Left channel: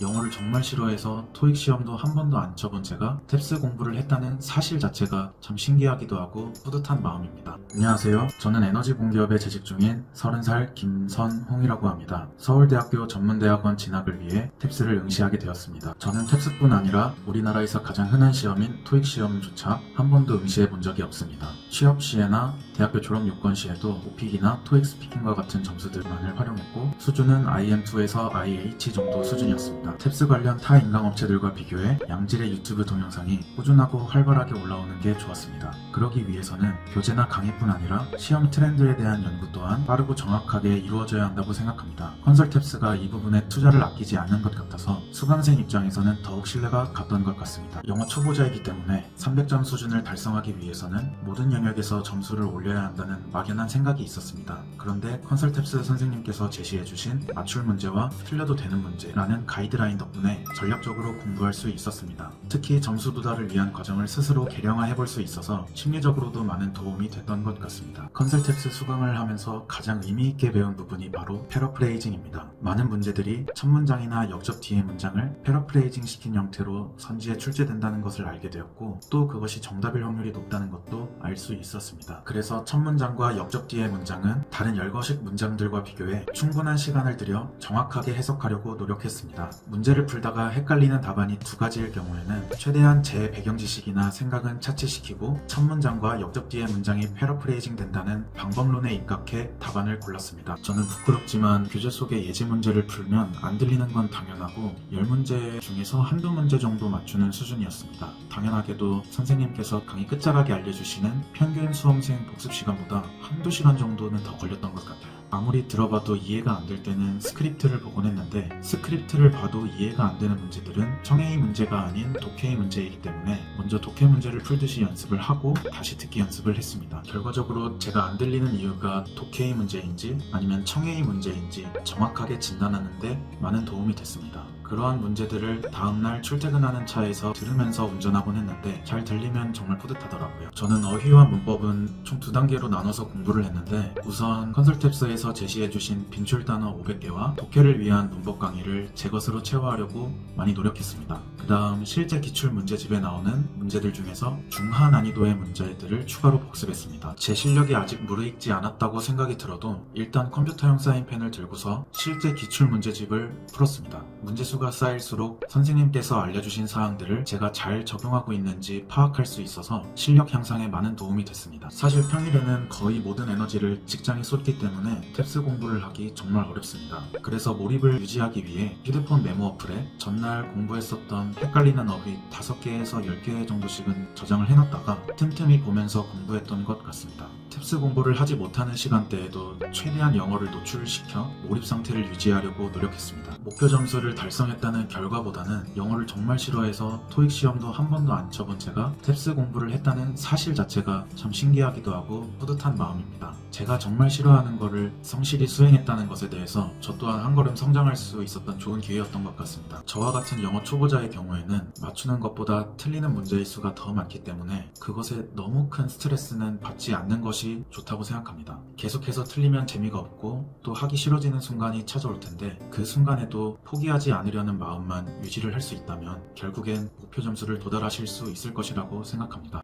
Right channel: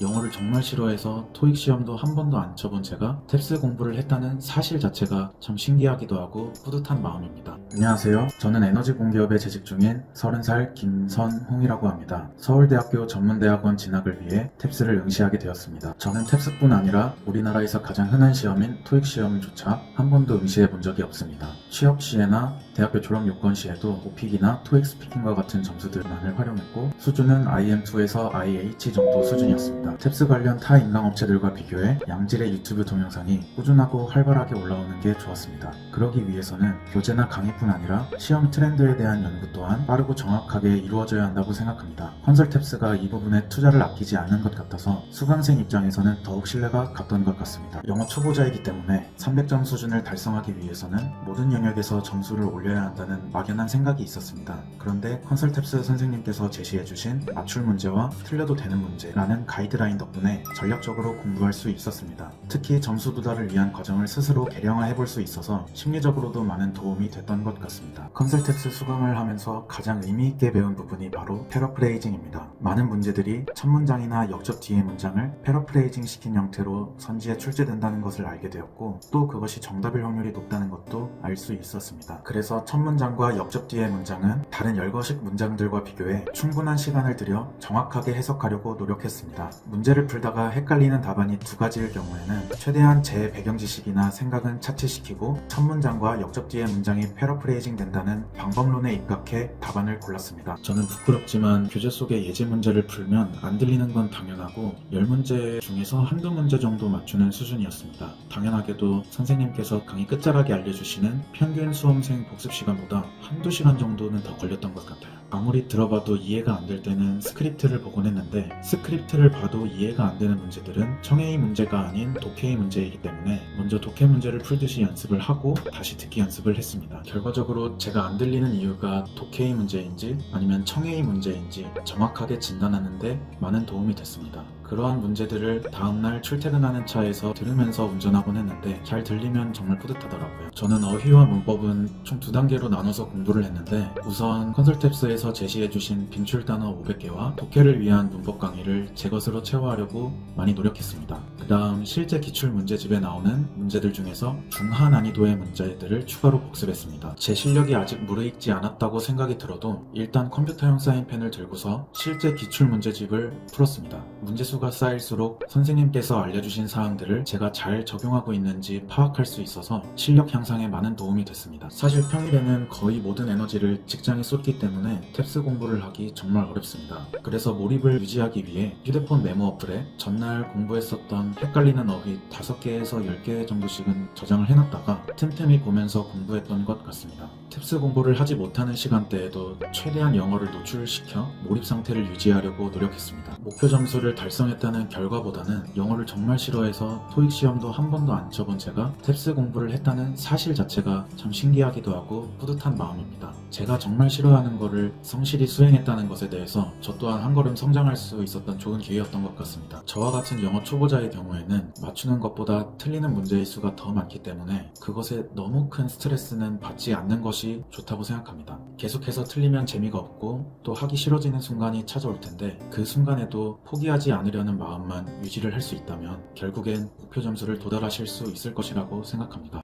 영어를 정말 싫어해서 토익 시험도 한 번도 안 쳐본 제가 탭스 공부를 했다는 사실 자체가 참 신기하기도 하고 뿌듯한 마음입니다. 안녕하세요. 저는 에너지 공기업에 재직 중인 30살 김선홍이라고 합니다. 서울대학교 전문대학원 진학을 위해 탭스를 응시하게 되었습니다. 저는 탭스뿐 아니라 우리나라에서 가장 흔한 시험인 토익 시험조차 한 번도 응시해 본 적이 없습니다. 취업 시에나 대학교 졸업 요건 시에도 오픽이나 토익 스피킹과 같은 점수들만을 활용했고 수준은 IM2에서 IH 정도 수준이었습니다. 탭스 관련 타 인강업체들과 비교해 양질의 유튜브 동영상이 꾸준하고 활발하게 올라오는 게 좋았습니다. 그러기 위해서는 교재나 강의뿐 아니라 시험 트렌드에 대한 연구 또한 빠르고 정확하게 이루어져야 한다고 생각합니다. 컨설 탭스가 이 부분에 투자를 아끼지 않는 것 같아서 수강생 입장에서는 더욱 신뢰가 갔던 것 같습니다. 영어 초보자이기 때문에 300점 수준을 달성하기 위해서는 모든 영역에서 점수를 올려야 한다는 막연한 생각이 있었습니다. 그런데 컨설 탭스 선생님께서 제시해주신 맞출 문제와 틀려도 되는 문제라는 가이드 라인 덕분에 전략적으로 공부할 수 있었습니다. 특히 점수 부달을 위한 과정을 스스로 개량화해 볼 수 있어서 심리적으로도 많은 도움이 됐던 것 같습니다. 컨설 탭스 수강을 하면서 가장 의미 있게 배운 부분이 바로 패러프레이징입니다. 많은 문제들이 첫 문장이나 역접 뒤의 문장을 패러프레이징 시킨 형태로 선지에 출제된다는 것을 알게 되었고 또 그것이 정답일 확률이 높다는 것도 알 수 있었습니다. 그래서 첫 문장과 역접 뒤의 문장은 다른 열거식 문장들과 비교해 충분한 시간을 들여 정확하게 해석하려고 노력했습니다. 문제를 풀다가 헷갈리는 답안이 두 가지일 경우에는 최대한 제 배경 지식이나 생각은 차치시키고 첫 문장과 역접 뒤의 문장이 패러프레이징 된다는 방법론에 입각해 답안을 골랐습니다. 저는 부끄럽지만 교재 속의 예제 문제를 풀면 안 들리는 건 당연하고 10문제 중에서 한두 문제 정도 맞추는 수준이었습니다. 당연하게도 선생님께서 강의 끝자락에 알려주시는 평균 수험생 복습 시간보다 한두 시간 정도는 더 걸렸던 것 같아요. 아무리 들어봐도 이해가 안 될 때는 스크립트를 보곤 했는데 스크립트를 봐도 이해가 안 되는 문제들은 청해의 문제가 아닌 독해의 문제이기 때문에 먼저 독해 문제를 풀듯이 연습을 하고 다시 듣기 연습을 했습니다. 결과적으로 제가 안 들리는 이유가 독해의 문제인지 아니면 청해의 문제인지 정확하게 진단하는데 많은 도움이 됐습니다. 그러한 문제들을 다음날 출퇴근하는 차에서 들으면서 운전하곤 했는데 잘 들리면 정말 뿌듯하더라고요. 저는 어휘와 문법은 총 두 단계로 나눠서 공부를 했는데 우선 컨설탭스에서 제시해주신 빈출 단어 500개와 독해를 위한 문법 강의를 제 것으로 채워하려고 많이 노력했습니다. 그 다음 실제 기출 문제집에 나오는 문제들 중에서 중하 난이도의 문제들을 추가로 복습했습니다. 제 실력이 아직 무르익지 않았다고 생각이 들어도 일단 컴퓨터용 사인펜을 들고서 실제 기출 문제집을 풀었습니다. 문제수가 쌓일수록 선생님께서 알려주신 사항들을 제가 잘 적용하고 있는지 파악할 수 있어서 실력 향상에 많은 도움이 됐습니다. 사실 평일에는 거의 모든 에너지를 직장에 쏟기 때문에 탭스 공부를 하기 정말 어렵습니다. 그래서 몰입을 유지하기 위해 휴대폰 메모 어플에 전날 공부했었던 헷갈리는 어휘 5개에서 10개 정도씩은 저장을 해놨다가 틈틈이 보면서 공부했던 것 같습니다. 탭스 공부를 하지 못하는 시간대에도 최대한 영어를 노출시켜 몰입 상태를 유지하려고 노력했습니다. 목표 점수를 달성했다는 결과보다는 영어를 정말 싫어해서 토익 시험도 한 번도 안 쳐본 제가 탭스 공부를 했다는 사실 자체가 참 신기하기도 하고 뿌듯한 마음입니다. 제가 정말 싫어하는 거를 성실히 수행했다는 것에 대해서 저 또한 한 걸음 성장할 수 있었던 좋은 기회였던 것 같습니다. 저와 같은 영어 초보자의 경우에는 맞추는 것보다 틀리는 문제의 수가 더 많기 때문에 그것에 너무 큰 스트레스는 받지 않는 것이 좋다고 생각합니다. 계속해서 틀리면 재미가 없고 또 하기 싫어지는 순간이 찾아올 텐데 그 순간에도 포기하지 않으려는 마음만 유지를 할 수 있다면 결국엔 목표 점수를 도달하실 수 있을 것이라고 생각합니다.